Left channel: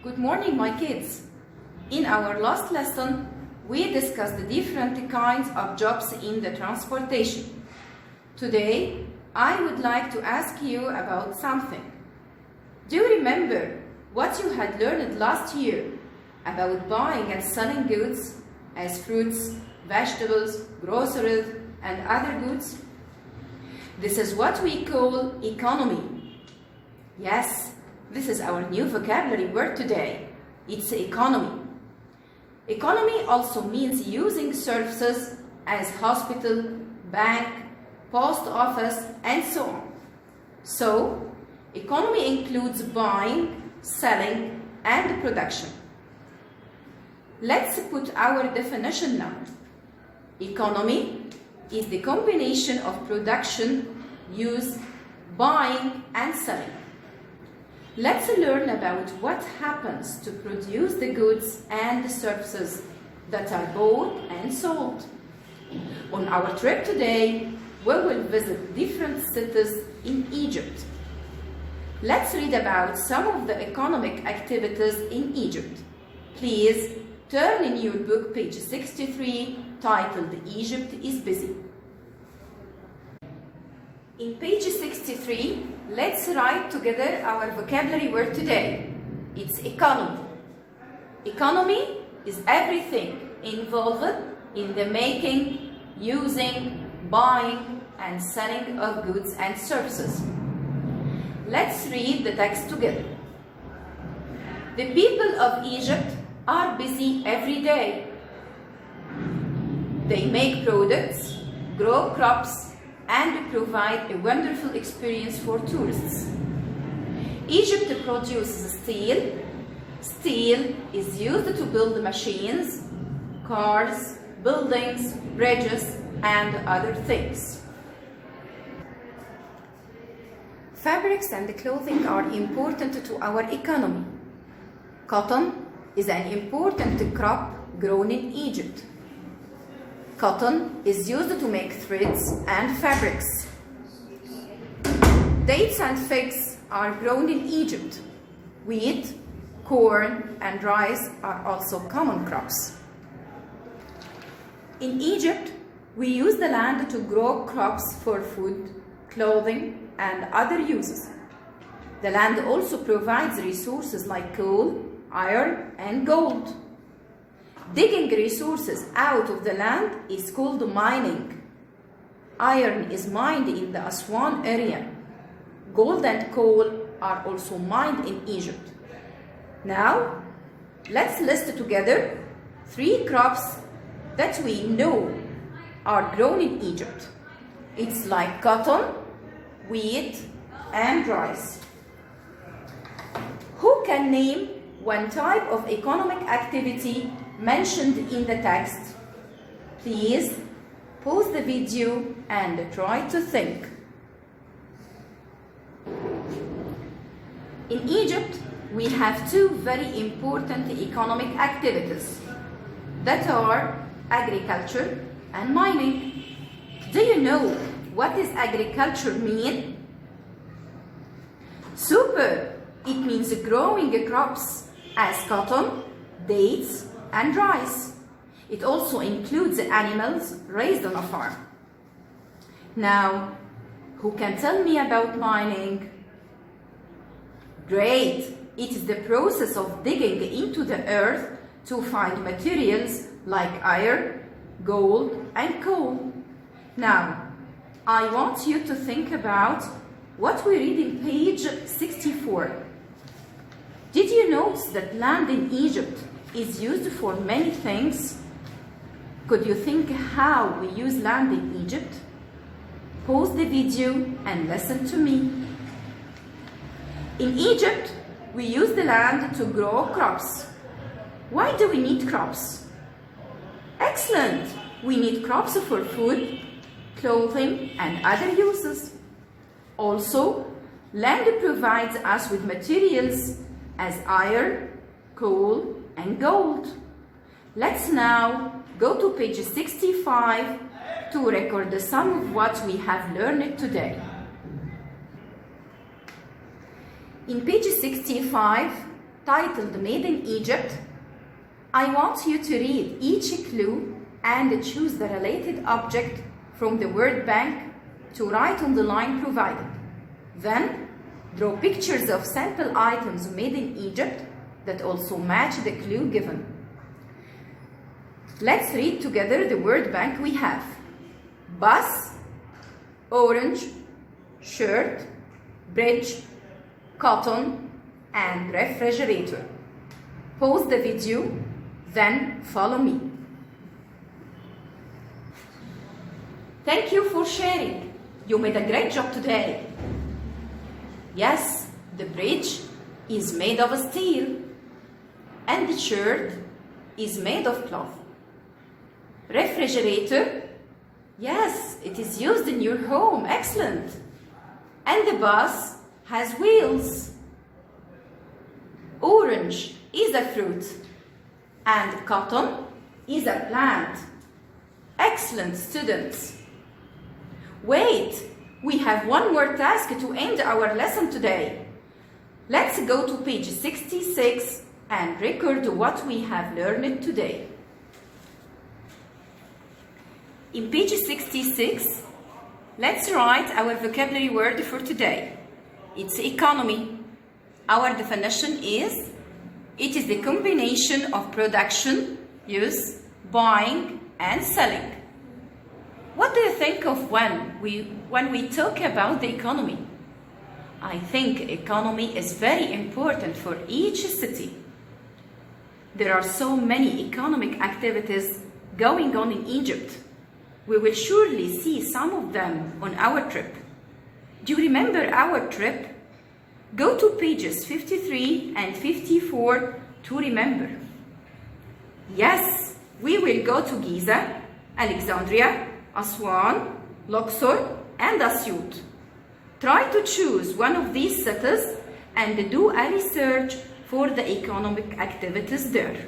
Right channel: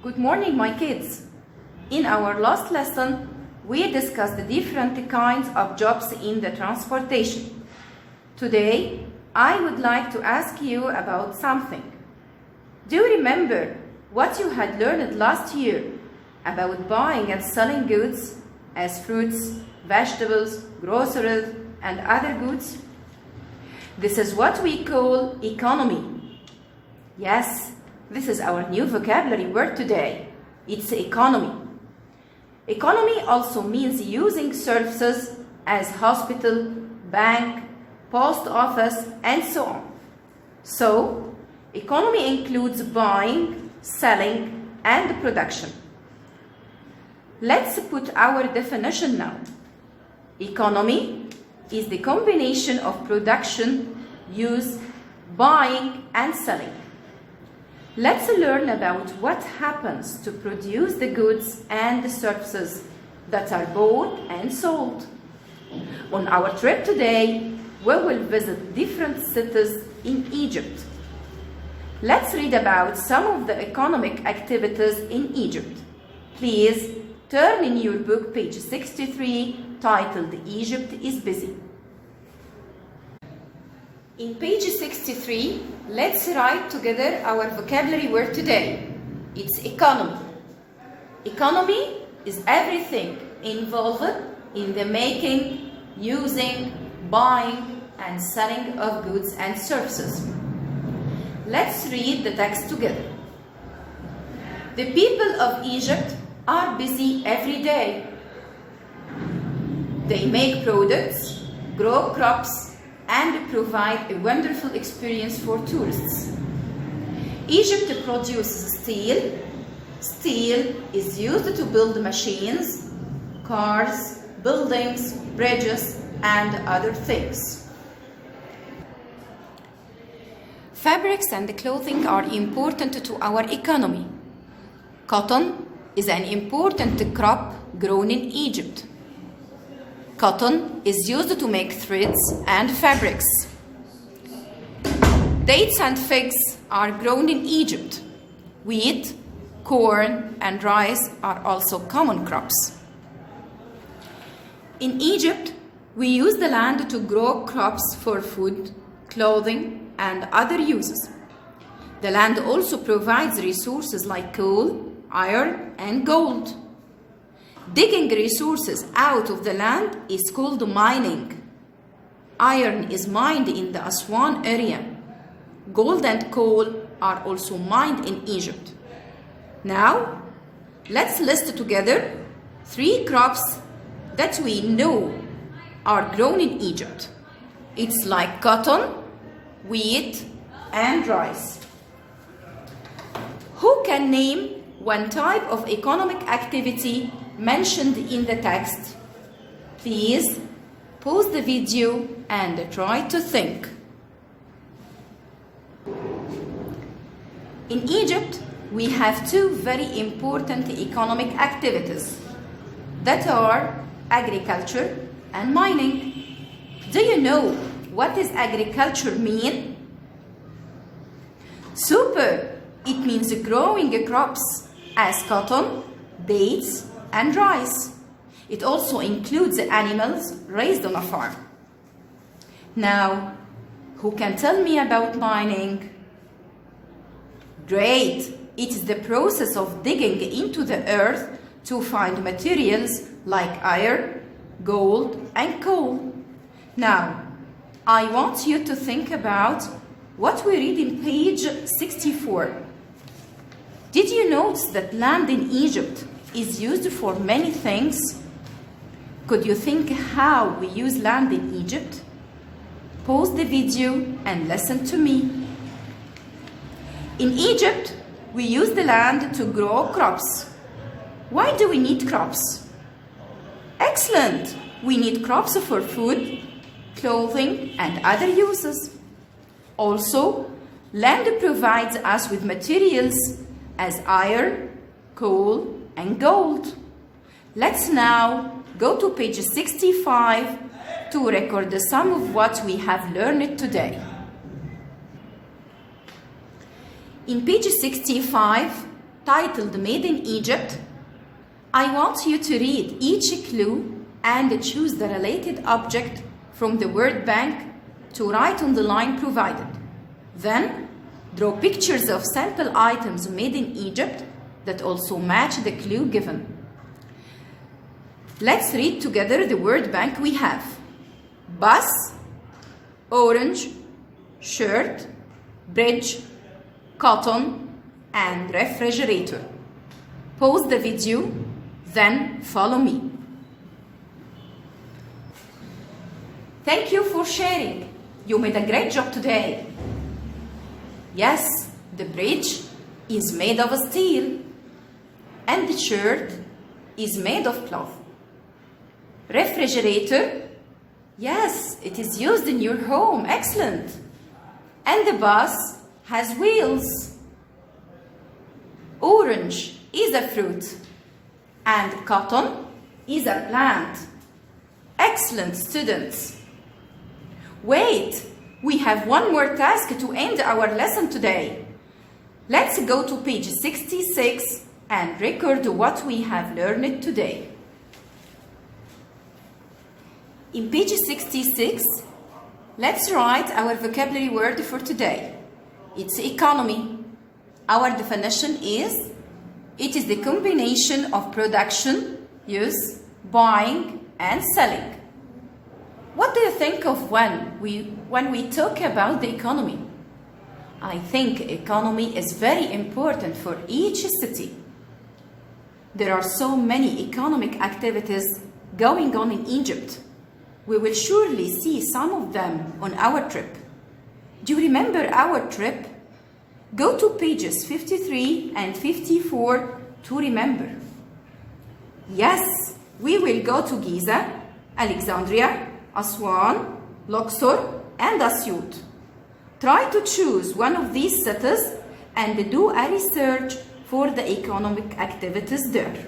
Good morning, my kids. In our last lesson, we discussed the different kinds of jobs in the transportation. Today, I would like to ask you about something. Do you remember what you had learned last year about buying and selling goods as fruits, vegetables, groceries, and other goods? This is what we call economy. Yes, this is our new vocabulary word today. It's economy. Economy also means using services as hospital, bank, post office, and so on. So, economy includes buying, selling, and production. Let's put our definition now. Economy is the combination of production, use, buying, and selling. Let's learn about what happens to produce the goods and the services that are bought and sold. On our trip today, we will visit different cities in Egypt. Let's read about some of the economic activities in Egypt. Please turn in your book page 63 titled Egypt is Busy. In page 63, let's write together our vocabulary word today. It's economy. Economy is everything involved in the making, using, buying, and selling of goods and services. Let's read the text together. The people of Egypt are busy every day. They make products, grow crops, and provide a wonderful experience for tourists. Egypt produces steel. Steel is used to build machines, cars, buildings, bridges, and other things. Fabrics and clothing are important to our economy. Cotton is an important crop grown in Egypt. Cotton is used to make threads and fabrics. Dates and figs are grown in Egypt. Wheat, corn, and rice are also common crops. In Egypt, we use the land to grow crops for food, clothing, and other uses. The land also provides resources like coal, iron, and gold. Digging resources out of the land is called mining. Iron is mined in the Aswan area. Gold and coal are also mined in Egypt. Now, let's list together 3 crops that we know are grown in Egypt. It's like cotton, wheat, and rice. Who can name one type of economic activity mentioned in the text? Please pause the video and try to think. In Egypt, we have 2 very important economic activities that are agriculture and mining. Do you know what does agriculture mean? Super! It means growing crops as cotton, dates, and rice. It also includes animals raised on a farm. Now, who can tell me about mining? Great! It is the process of digging into the earth to find materials like iron, gold, and coal. Now, I want you to think about what we read in page 64. Did you notice that land in Egypt is used for many things? Could you think how we use land in Egypt? Pause the video and listen to me. In Egypt, we use the land to grow crops. Why do we need crops? Excellent! We need crops for food, clothing, and other uses. Also, land provides us with materials as iron, coal, and gold. Let's now go to page 65 to record some of what we have learned today. In page 65, titled Made in Egypt, I want you to read each clue and choose the related object from the word bank to write on the line provided. Then, draw pictures of sample items made in Egypt that also match the clue given. Let's read together the word bank we have. Bus, orange, shirt, bridge, cotton, and refrigerator. Pause the video, then follow me. Thank you for sharing. You made a great job today. Yes, the bridge is made of steel, and the shirt is made of cloth. Refrigerator, yes, it is used in your home. Excellent. And the bus has wheels. Orange is a fruit, and cotton is a plant. Excellent, students. Wait, we have one more task to end our lesson today. Let's go to page 66 and record what we have learned today. In page 66, let's write our vocabulary word for today. It's economy. Our definition is, it is the combination of production, use, buying, and selling. What do you think of when we talk about the economy? I think economy is very important for each city. There are so many economic activities going on in Egypt. We will surely see some of them on our trip. Do you remember our trip? Go to pages 53 and 54 to remember. Yes, we will go to Giza, Alexandria, Aswan, Luxor, and Asyut. Try to choose one of these cities and do a research for the economic activities there.